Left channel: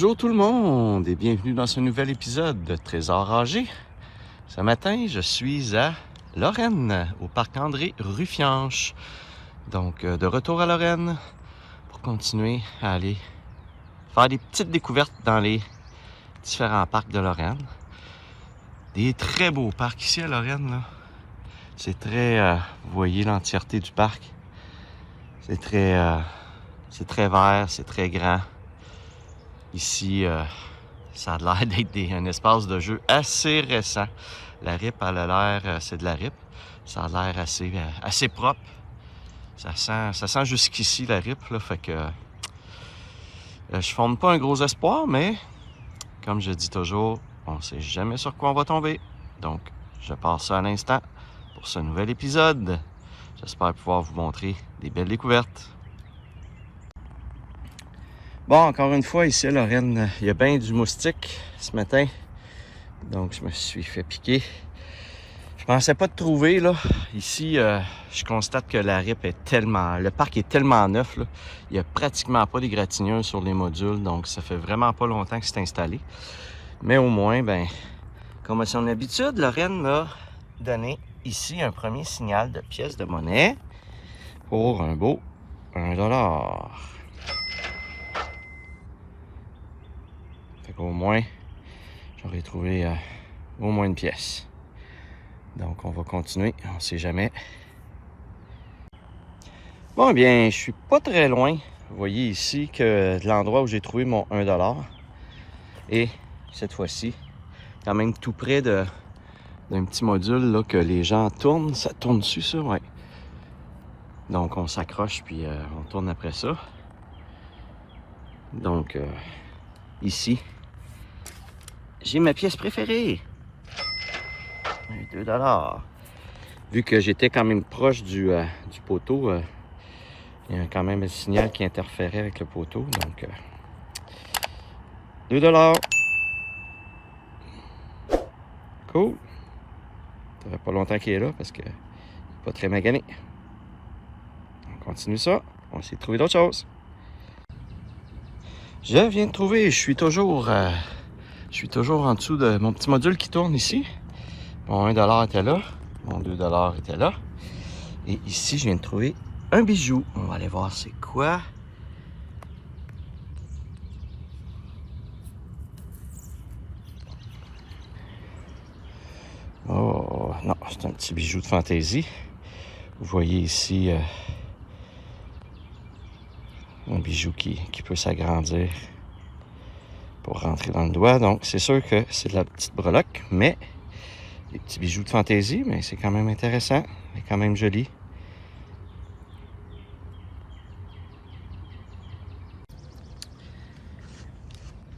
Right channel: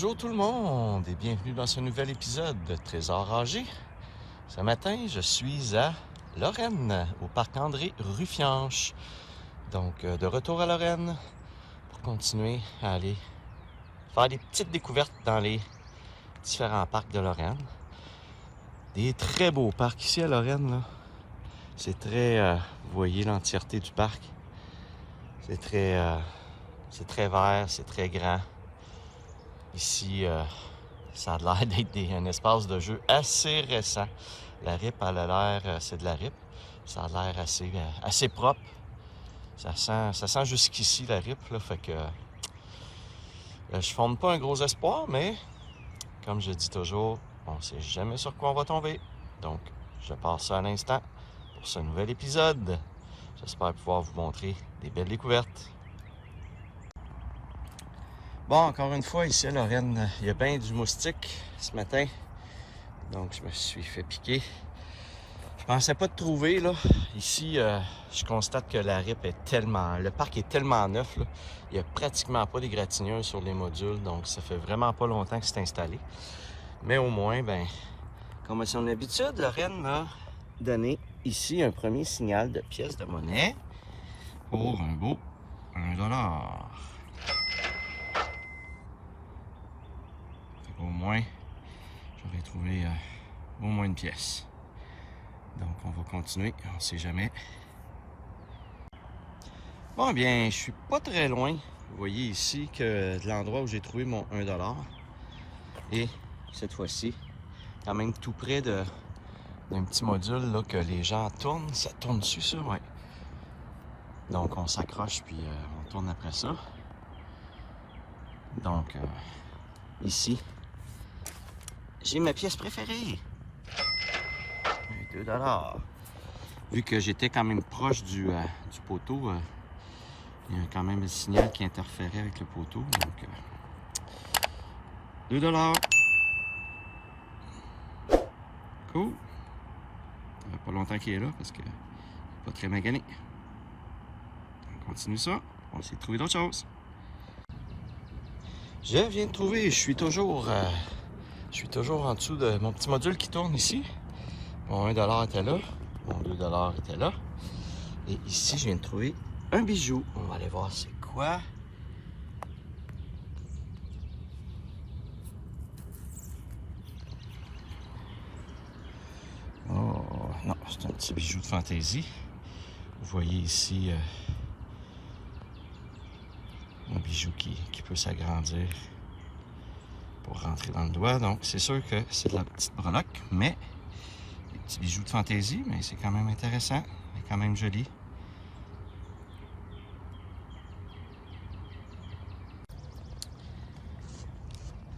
Bonjour tout le monde et bienvenue dans ce nouvel épisode de Trésor âgé. Ce matin, je suis à Lorraine, au parc André Ruffianche. Donc, de retour à Lorraine pour continuer à aller faire des petites découvertes dans les différents parcs de Lorraine. Des très beaux parcs ici à Lorraine, là. C'est très... vous voyez l'entièreté du parc. C'est très vert, c'est très grand. Ici, ça a l'air d'être un espace de jeu assez récent. La RIP, elle a l'air, c'est de la RIP. Ça a l'air assez propre. Ça sent jusqu'ici la RIP, là, fait que je fonde pas un gros espoir, mais comme je dis toujours, on ne sait jamais sur quoi on va tomber. Donc, je passe ça à l'instant pour ce nouvel épisode. J'espère pouvoir vous montrer des belles découvertes. Bon, encore une fois, ici à Lorraine, il y a bien du moustique ce matin. Donc, je me suis fait piquer. Je pensais pas de trouver, là. Ici, je constate que la RIP est tellement... Le parc est tellement neuf, là. Il n'y a pratiquement pas d'égratignures sur les modules. Donc, ça fait vraiment pas longtemps que c'est installé. Mais au moins, ben, comme à son habitude, Lorraine m'a donné ici un premier signal de pièce de monnaie pour un beau $1. Au moins, j'aurais trouvé au moins une pièce. Donc, on va continuer. On ne sait jamais. Bon, eh bien, je suis pas très loin. Vous voyez ici que de l'endroit où j'ai trouvé mon $1. Et cette fois-ci, quand même tout près d'un petit module là, que les gens tournent. Ça tourne dessus, ça, ouais. Donc, on s'accroche puis on tourne après ça. Donc, ici, j'ai ma pièce préférée. $2. Vu que j'étais quand même proche du poteau, il y a quand même un signal qui interférait avec le poteau. Donc, $2. Cool. Ça fait pas longtemps qu'il est là parce que pas très magané. On continue ça. On va essayer de trouver d'autres choses. Je viens de trouver, je suis toujours en dessous de mon petit module qui tourne ici. Mon $1 était là. Mon $2 était là. Et ici, je viens de trouver un bijou. On va aller voir c'est quoi. Oh, non, c'est un petit bijou de fantaisie. Vous voyez ici un bijou qui peut s'agrandir pour rentrer dans le doigt. Donc, c'est sûr que c'est de la petite breloque, mais des petits bijoux de fantaisie, mais c'est quand même intéressant. C'est quand même joli.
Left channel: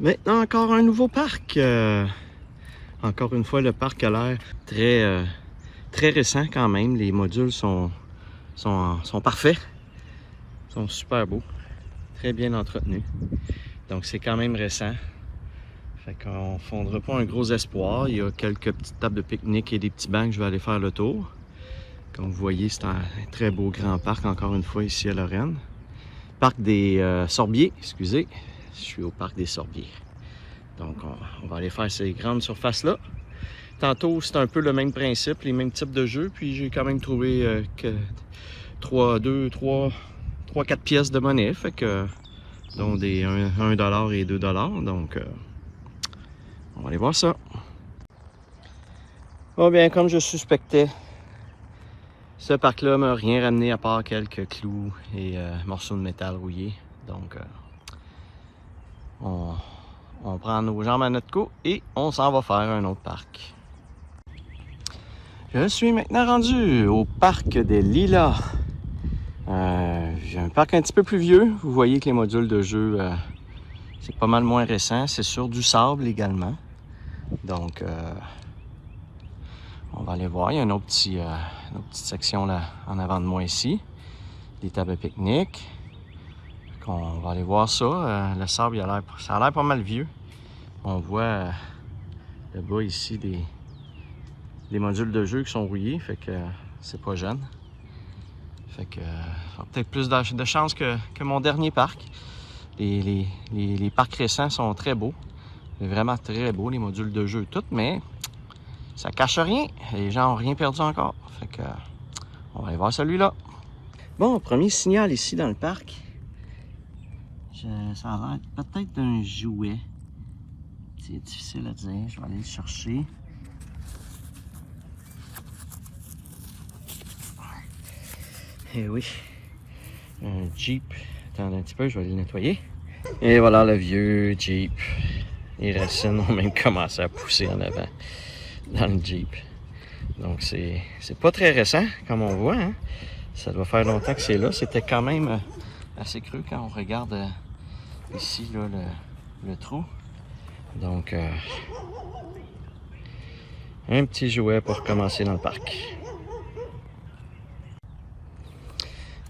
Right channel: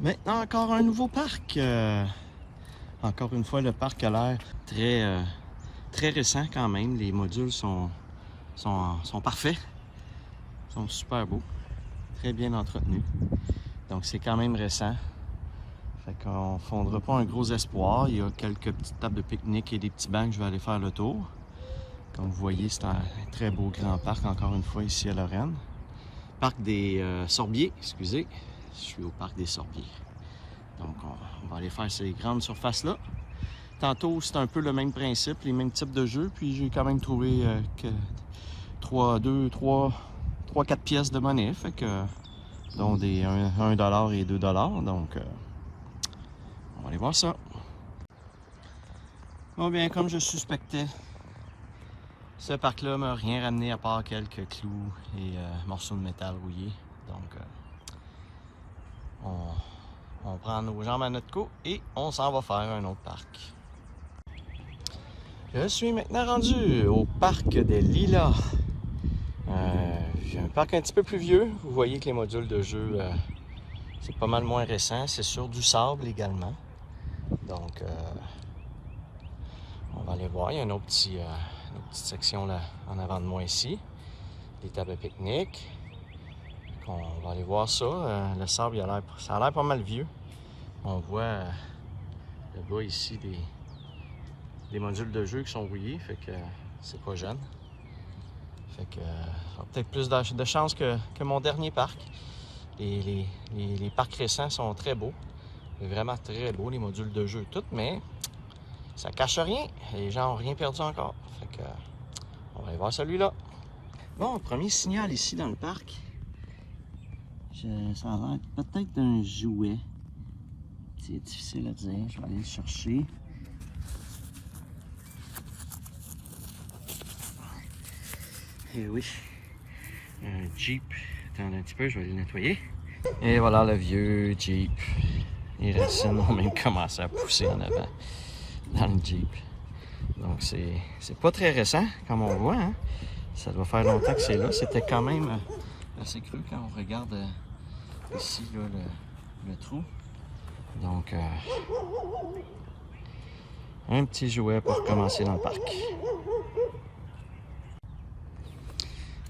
Maintenant, encore un nouveau parc. Encore une fois, le parc a l'air très récent quand même. Les modules sont parfaits. Sont super beaux. Très bien entretenus. Donc, c'est quand même récent. Fait qu'on ne fondra pas un gros espoir. Il y a quelques petites tables de pique-nique et des petits bancs que je vais aller faire le tour. Comme vous voyez, c'est un très beau grand parc, encore une fois, ici à Lorraine. Parc des Sorbiers, excusez. Je suis au parc des Sorbiers. Donc, on va aller faire ces grandes surfaces-là. Tantôt, c'est un peu le même principe, les mêmes types de jeux. Puis, j'ai quand même trouvé que 3-4 pièces de monnaie. Fait que, dont des $1 et $2. Donc, on va aller voir ça. Bon, bien, comme je suspectais, ce parc-là m'a rien ramené à part quelques clous et morceaux de métal rouillés. Donc, on prend nos jambes à notre cou et on s'en va faire un autre parc. Je suis maintenant rendu au parc des Lilas. J'ai un parc un petit peu plus vieux. Vous voyez que les modules de jeu, c'est pas mal moins récent. C'est sur du sable également. Donc, on va aller voir. Il y a une autre petite section là en avant de moi ici. Des tables de pique-nique. On va aller voir ça. Le sable, ça a l'air pas mal vieux. On voit là-bas ici des modules de jeu qui sont rouillés. Fait que c'est pas jeune. Fait que peut-être plus de chance que mon dernier parc. Les parcs récents sont très beaux. C'est vraiment très beau, les modules de jeu, tout, mais ça cache rien. Les gens n'ont rien perdu encore. Fait que, on va aller voir celui-là. Bon, premier signal ici dans le parc. Ça a l'air peut-être d'un jouet. C'est difficile à dire. Je vais aller le chercher. Et oui, un Jeep. Attendez un petit peu, je vais le nettoyer. Et voilà le vieux Jeep. Les racines ont même commencé à pousser en avant dans le Jeep. Donc c'est pas très récent, comme on voit. Hein? Ça doit faire longtemps que c'est là. C'était quand même assez creux quand on regarde ici là, le trou. Donc, un petit jouet pour commencer dans le parc.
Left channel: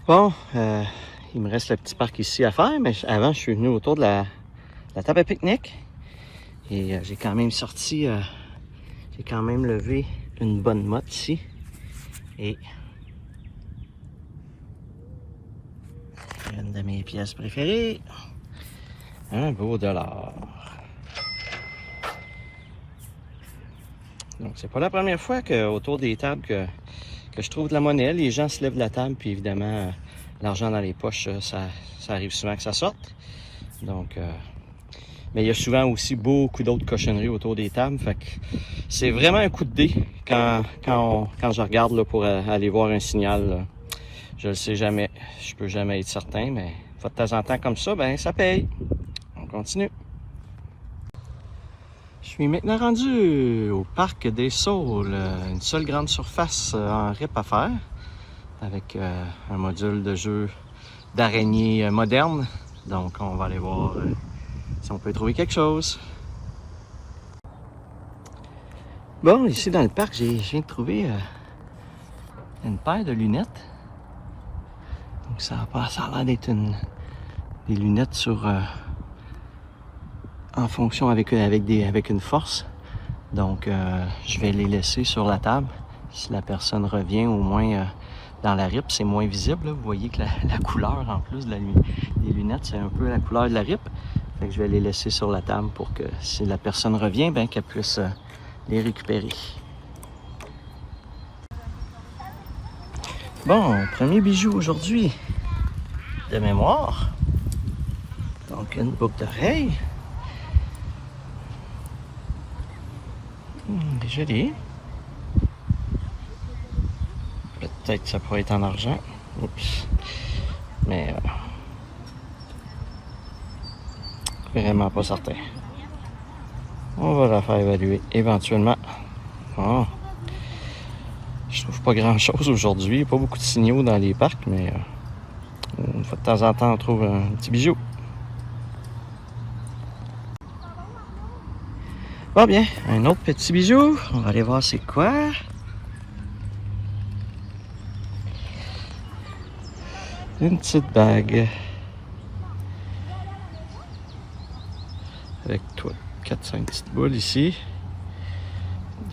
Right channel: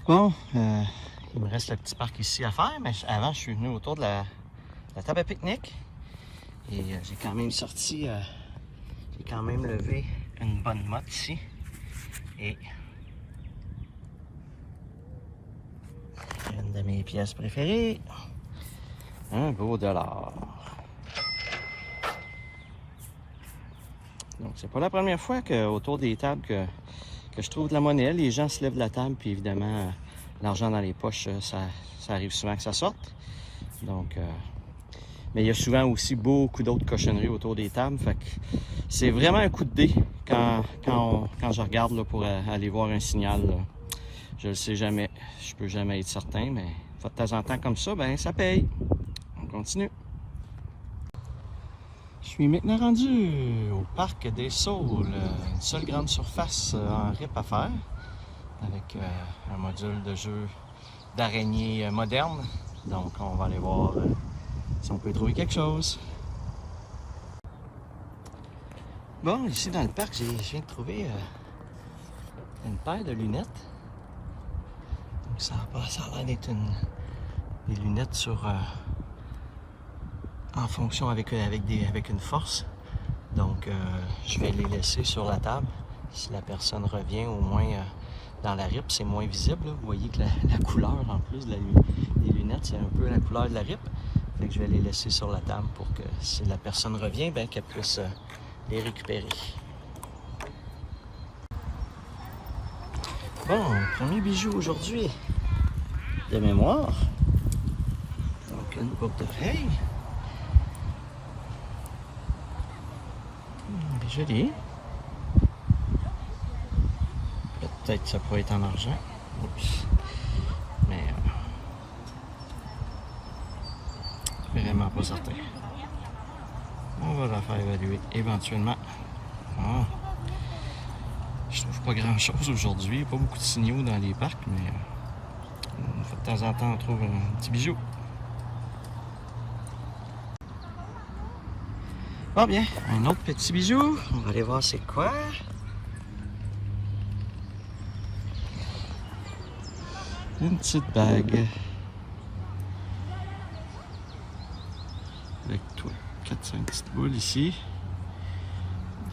Bon, il me reste le petit parc ici à faire, mais avant, je suis venu autour de la table à pique-nique. Et j'ai quand même sorti, j'ai quand même levé une bonne motte ici. Et une de mes pièces préférées, un beau dollar. Donc, c'est pas la première fois qu'autour des tables que je trouve de la monnaie. Les gens se lèvent de la table, puis évidemment, l'argent dans les poches, ça arrive souvent que ça sorte. Donc, mais il y a souvent aussi beaucoup d'autres cochonneries autour des tables. Fait que c'est vraiment un coup de dé quand je regarde là, pour aller voir un signal. Là. Je le sais jamais. Je peux jamais être certain, mais de temps en temps comme ça, ben ça paye. On continue. Je suis maintenant rendu au parc des Saules, une seule grande surface en RIP à faire, avec un module de jeu d'araignée moderne. Donc on va aller voir si on peut trouver quelque chose. Bon, ici dans le parc, je viens de trouver une paire de lunettes. Donc ça a l'air d'être des lunettes sur... en fonction avec une force. Donc, je vais les laisser sur la table. Si la personne revient, au moins dans la RIP, c'est moins visible. Là. Vous voyez que la couleur, en plus des lunettes, c'est un peu la couleur de la RIP. Fait que je vais les laisser sur la table pour que si la personne revient, ben, qu'elle puisse les récupérer. Bon, premier bijou aujourd'hui de mémoire. Donc, une boucle d'oreille. Joli. Peut-être que ça pourrait être en argent. Oups. Mais vraiment pas certain. On va la faire évaluer éventuellement. Oh. Je trouve pas grand chose aujourd'hui. Pas beaucoup de signaux dans les parcs, mais de temps en temps on trouve un petit bijou. Bon bien, un autre petit bijou. On va aller voir c'est quoi. Une petite bague. Avec toi, 4-5 petites boules ici.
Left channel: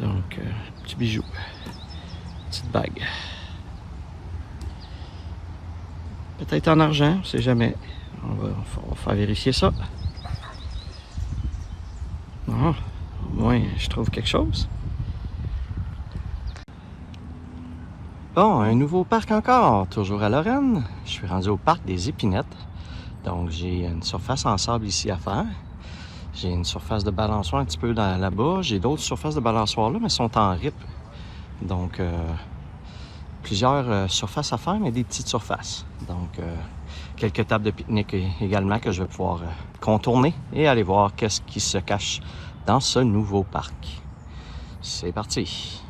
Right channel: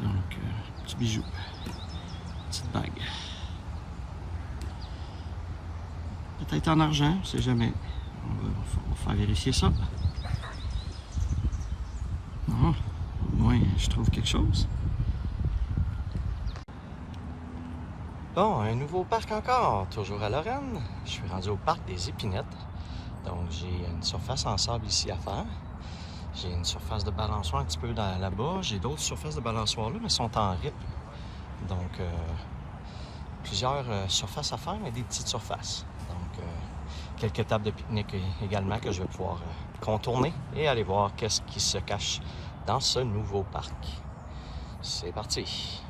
Donc, petit bijou. Petite bague. Peut-être en argent, on sait jamais. On va faire vérifier ça. Non. Au moins, je trouve quelque chose. Bon, un nouveau parc encore, toujours à Lorraine. Je suis rendu au parc des Épinettes. Donc, j'ai une surface en sable ici à faire. J'ai une surface de balançoire un petit peu là-bas. J'ai d'autres surfaces de balançoire là, mais elles sont en RIP. Donc, plusieurs surfaces à faire, mais des petites surfaces. Donc, quelques tables de pique-nique également que je vais pouvoir contourner et aller voir qu'est-ce qui se cache dans ce nouveau parc. C'est parti!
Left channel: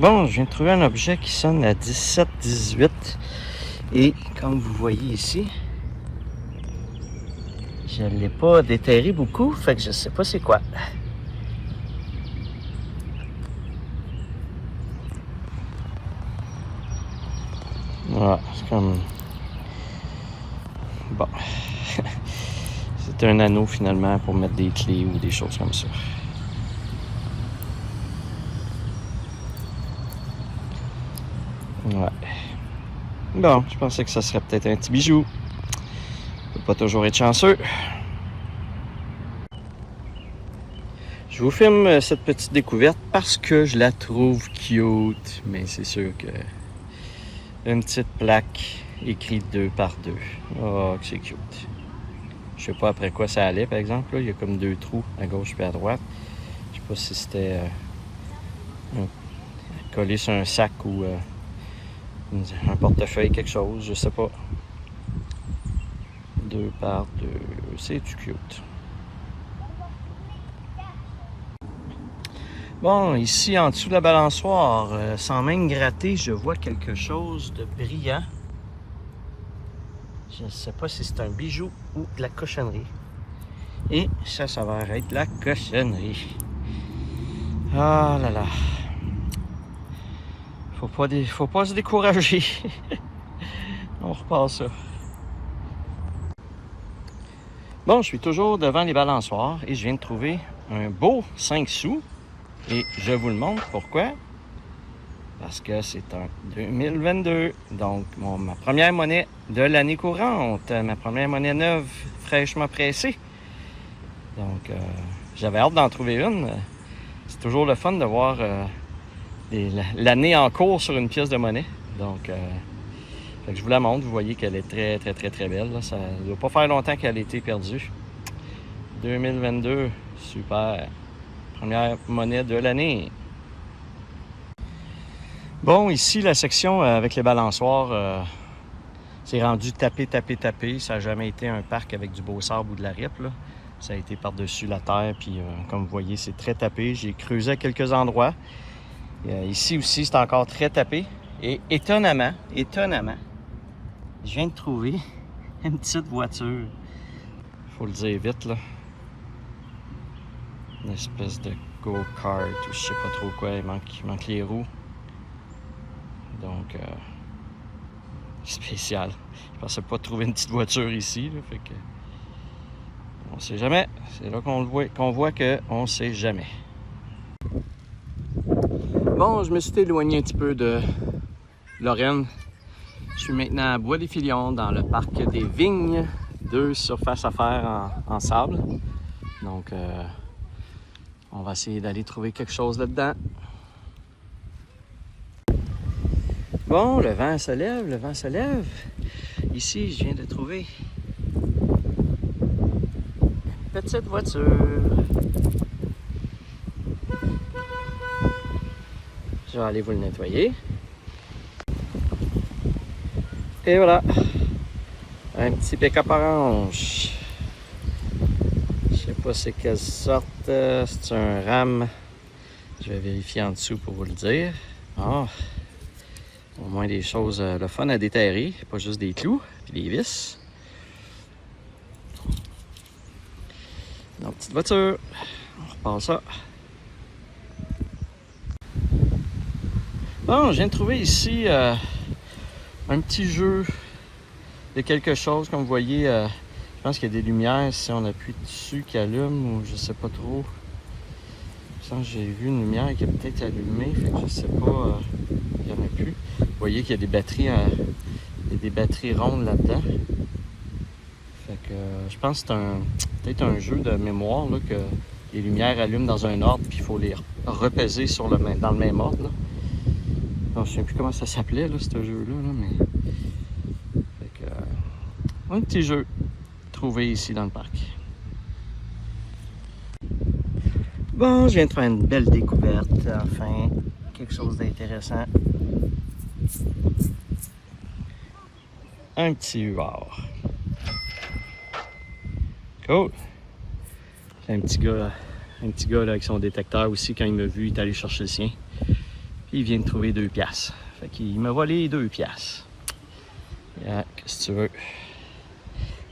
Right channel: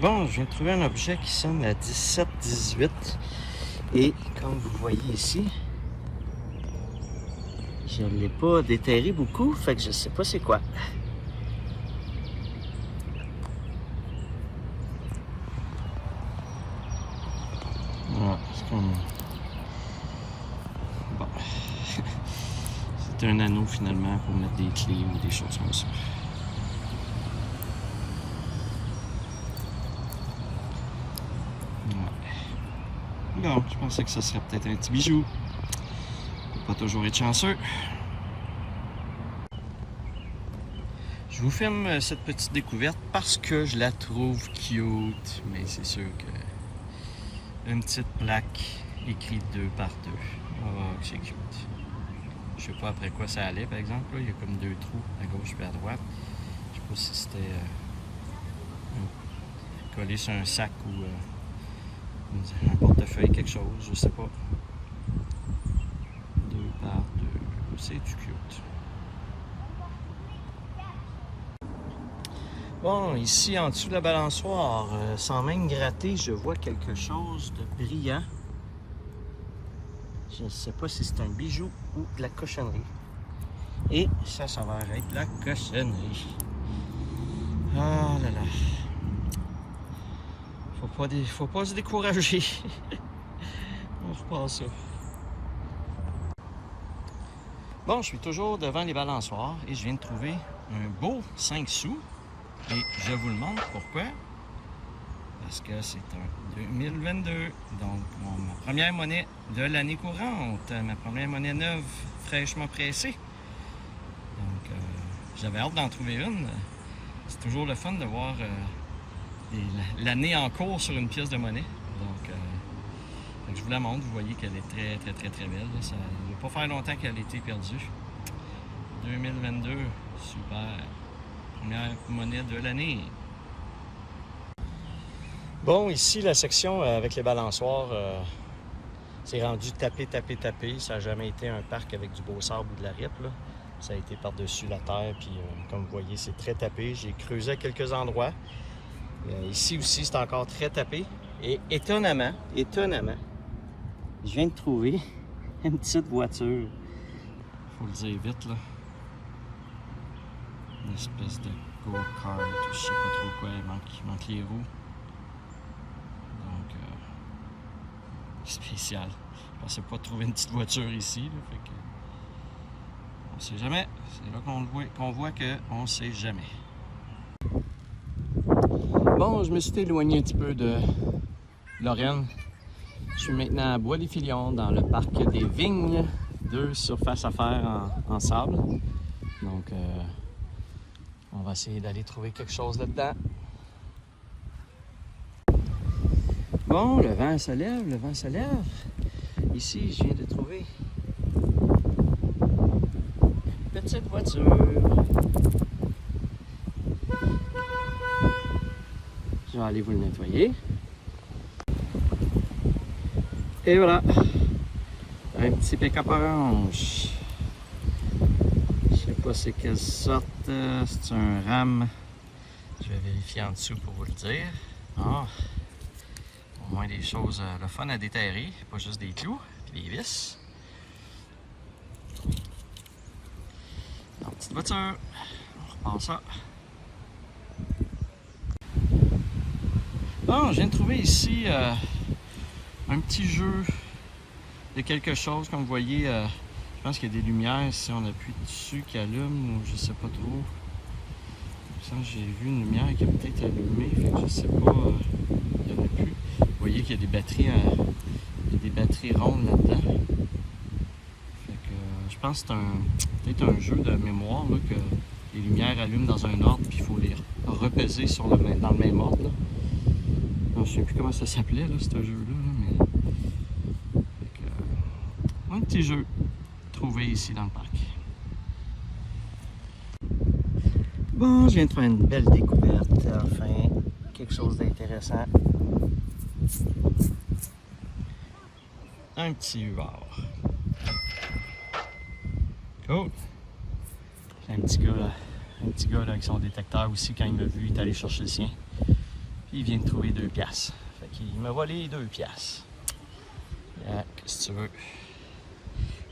Bon, je viens de trouver un objet qui sonne à 17-18 et comme vous voyez ici, je ne l'ai pas déterré beaucoup, fait que je sais pas c'est quoi. Voilà, c'est comme... Bon. C'est un anneau finalement pour mettre des clés ou des choses comme ça. Ouais. Bon, je pensais que ça serait peut-être un petit bijou. Faut pas toujours être chanceux. Je vous filme cette petite découverte parce que je la trouve cute, mais c'est sûr que une petite plaque écrite 2 par 2. Oh, que c'est cute. Je sais pas après quoi ça allait, par exemple. Là, il y a comme 2 trous à gauche et à droite. Je sais pas si c'était collé sur un sac ou un portefeuille, quelque chose, je sais pas. 2 par 2, c'est-tu cute? Bon, ici en dessous de la balançoire, sans même gratter, je vois quelque chose de brillant. Je ne sais pas si c'est un bijou ou de la cochonnerie. Et ça s'avère être de la cochonnerie. Ah là là. Faut pas se décourager. On repasse ça. Bon, je suis toujours devant les balançoires et je viens de trouver un beau 5 sous. Et je vous le montre pourquoi. Parce que c'est en 2022. Donc, ma première monnaie de l'année courante. Ma première monnaie neuve, fraîchement pressée. Donc, j'avais hâte d'en trouver une. C'est toujours le fun de voir l'année en cours sur une pièce de monnaie. Donc, fait que je vous la montre. Vous voyez qu'elle est très, très, très, très belle. Là. Ça ne doit pas faire longtemps qu'elle a été perdue. 2022, super. Première monnaie de l'année. Bon, ici, la section avec les balançoires, c'est rendu tapé. Ça n'a jamais été un parc avec du beau sable ou de la ripe. Là. Ça a été par-dessus la terre, puis comme vous voyez, c'est très tapé. J'ai creusé à quelques endroits. Ici aussi, c'est encore très tapé. Et étonnamment, je viens de trouver une petite voiture. Faut le dire vite, là. Une espèce de go-kart, ou je sais pas trop quoi, il manque les roues. Donc, spécial. Je pensais pas trouver une petite voiture ici, là, fait que on sait jamais. C'est là qu'on voit qu'on sait jamais. Bon, je me suis éloigné un petit peu de Lorraine. Je suis maintenant à Bois-des-Filions, dans le parc des Vignes. 2 surfaces à faire en sable. Donc, on va essayer d'aller trouver quelque chose là-dedans. Bon, le vent se lève. Ici, je viens de trouver une petite voiture. Je vais aller vous le nettoyer. Et voilà, un petit pick-up orange. Je sais pas c'est quelle sorte, c'est un RAM. Je vais vérifier en dessous pour vous le dire. Ah, au moins des choses, le fun à déterrer, pas juste des clous et des vis. Notre petite voiture, on repasse ça. Bon, je viens de trouver ici un petit jeu de quelque chose, comme vous voyez, je pense qu'il y a des lumières, si on appuie dessus, qui allument, ou je sais pas trop. J'ai vu une lumière qui est peut-être allumée, fait que je sais pas, il y en a plus. Vous voyez qu'il y a des batteries, rondes là-dedans. Fait que je pense que c'est peut-être un jeu de mémoire, là, que les lumières allument dans un ordre, puis il faut les repaiser dans le même ordre. Là. Donc, je sais plus comment ça s'appelait, là, ce jeu-là, là, mais... Fait que, un petit jeu trouvé ici dans le parc. Bon, je viens de faire une belle découverte, enfin, quelque chose d'intéressant. Un petit huard. Cool! C'est un petit gars là, avec son détecteur aussi, quand il m'a vu, il est allé chercher le sien. Puis il vient de trouver 2 piastres. Fait qu'il m'a volé 2 piastres. Yeah, qu'est-ce que tu veux?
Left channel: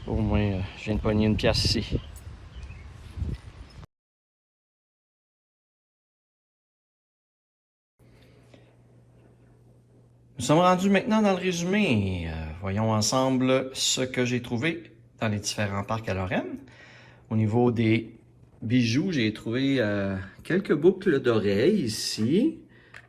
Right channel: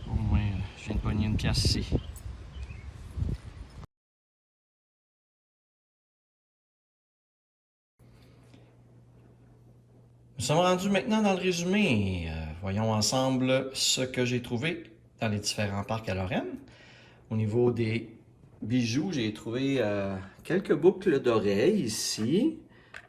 Au moins, je viens de pogner 1 piastre ici. Nous sommes rendus maintenant dans le résumé. Voyons ensemble ce que j'ai trouvé dans les différents parcs à Lorraine. Au niveau des bijoux, j'ai trouvé quelques boucles d'oreilles ici.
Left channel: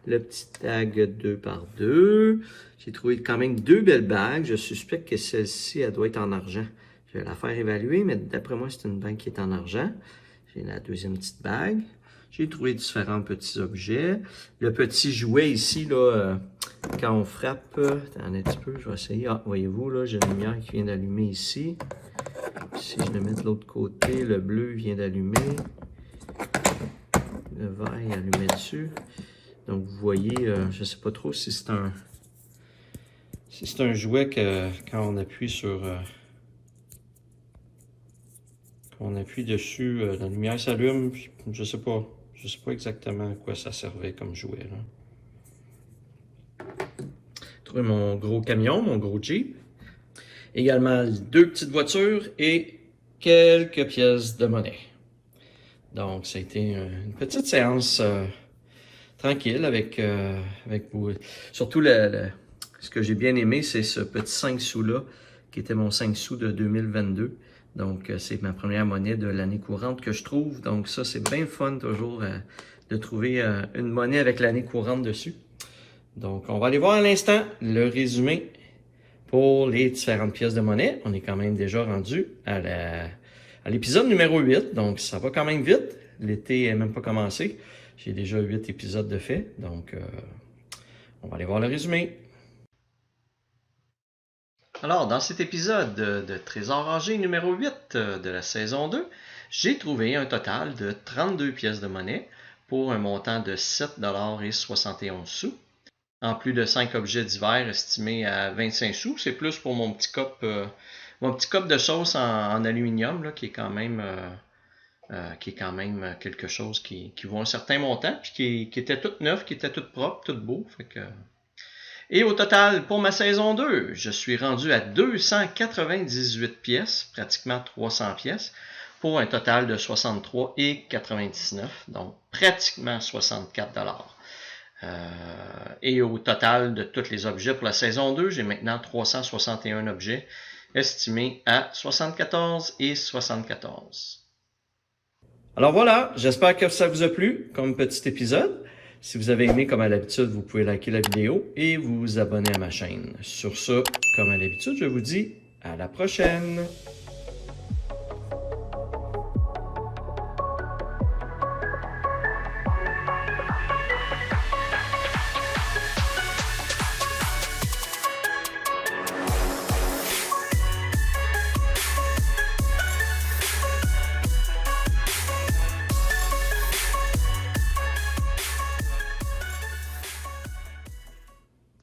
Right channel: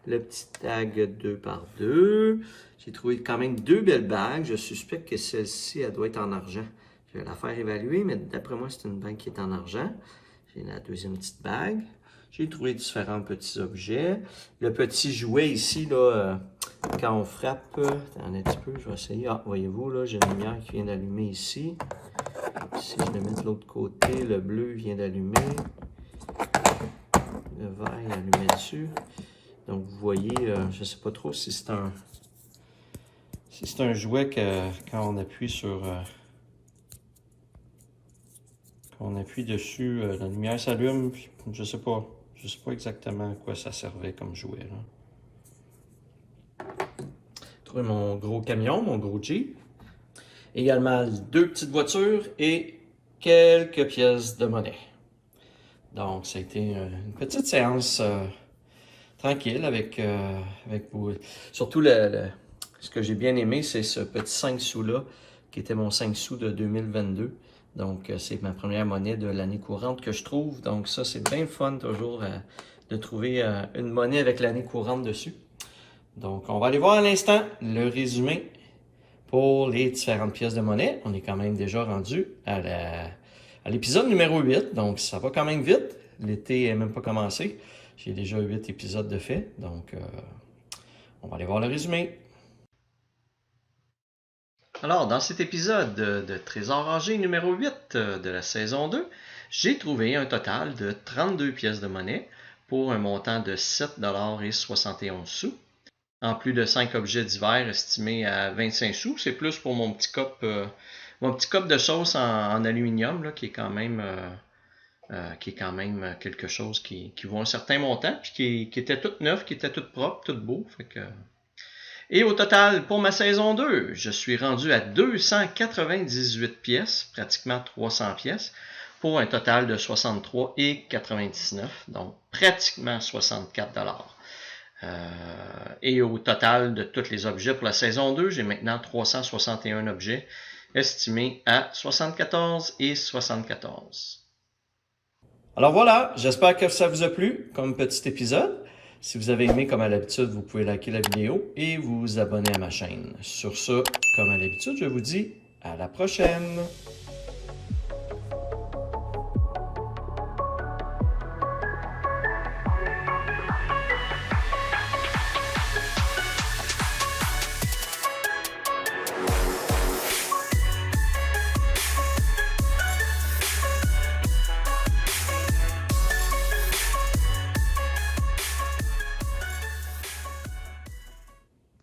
Le petit tag 2 par 2. J'ai trouvé quand même 2 belles bagues. Je suspecte que celle-ci, elle doit être en argent. Je vais la faire évaluer, mais d'après moi, c'est une bague qui est en argent. J'ai la deuxième petite bague. J'ai trouvé différents petits objets. Le petit jouet ici, là, quand on frappe, attendez un petit peu, je vais essayer. Ah, voyez-vous, là, j'ai une lumière qui vient d'allumer ici. Si je le mets de l'autre côté, le bleu vient d'allumer. Le vert est allumé dessus. Donc, vous voyez, je ne sais pas trop si c'est un... Si c'est un jouet que quand on appuie sur... quand on appuie dessus, la lumière s'allume. Je sais pas. Je sais pas exactement à quoi ça servait comme jouet, là. Trouvé mon gros camion, mon gros Jeep. Également 2 petites voitures et quelques pièces de monnaie. Donc, ça a été une petite séance tranquille avec vous. Surtout, ce que j'ai bien aimé, c'est ce petit 5 sous-là, qui était mon 5 sous de 2022. Donc, c'est ma première monnaie de l'année courante que je trouve. Donc, ça, c'est bien fun toujours de trouver une monnaie avec l'année courante dessus. Donc, on va aller voir à l'instant le résumé pour les différentes pièces de monnaie. On est quand même déjà rendu à l'épisode numéro 8. Donc, ça va quand même vite. L'été n'est même pas commencé. J'ai déjà 8 épisodes de fait. Donc, on va aller voir le résumé. Alors, dans cet épisode de Trésor rangé numéro 8 de la saison 2, j'ai trouvé un total de 32 pièces de monnaie pour un montant de 7,71 $. En plus de 5 objets divers estimés à 25 sous, c'est plus pour mon petit cup de sauce en aluminium là, qui est quand même quelque chose qui vaut un certain montant, puis qui était tout neuf, qui était tout propre, tout beau. Fait que... Et au total, pour ma saison 2, je suis rendu à 298 pièces, pratiquement 300 pièces, pour un total de 63,99 $, donc pratiquement 64 $. Et au total de tous les objets pour la saison 2, j'ai maintenant 361 objets estimés à 74,74 $. Alors voilà, j'espère que ça vous a plu comme petit épisode. Si vous avez aimé, comme à l'habitude, vous pouvez liker la vidéo et vous abonner à ma chaîne. Sur ce, comme à l'habitude, je vous dis à la prochaine!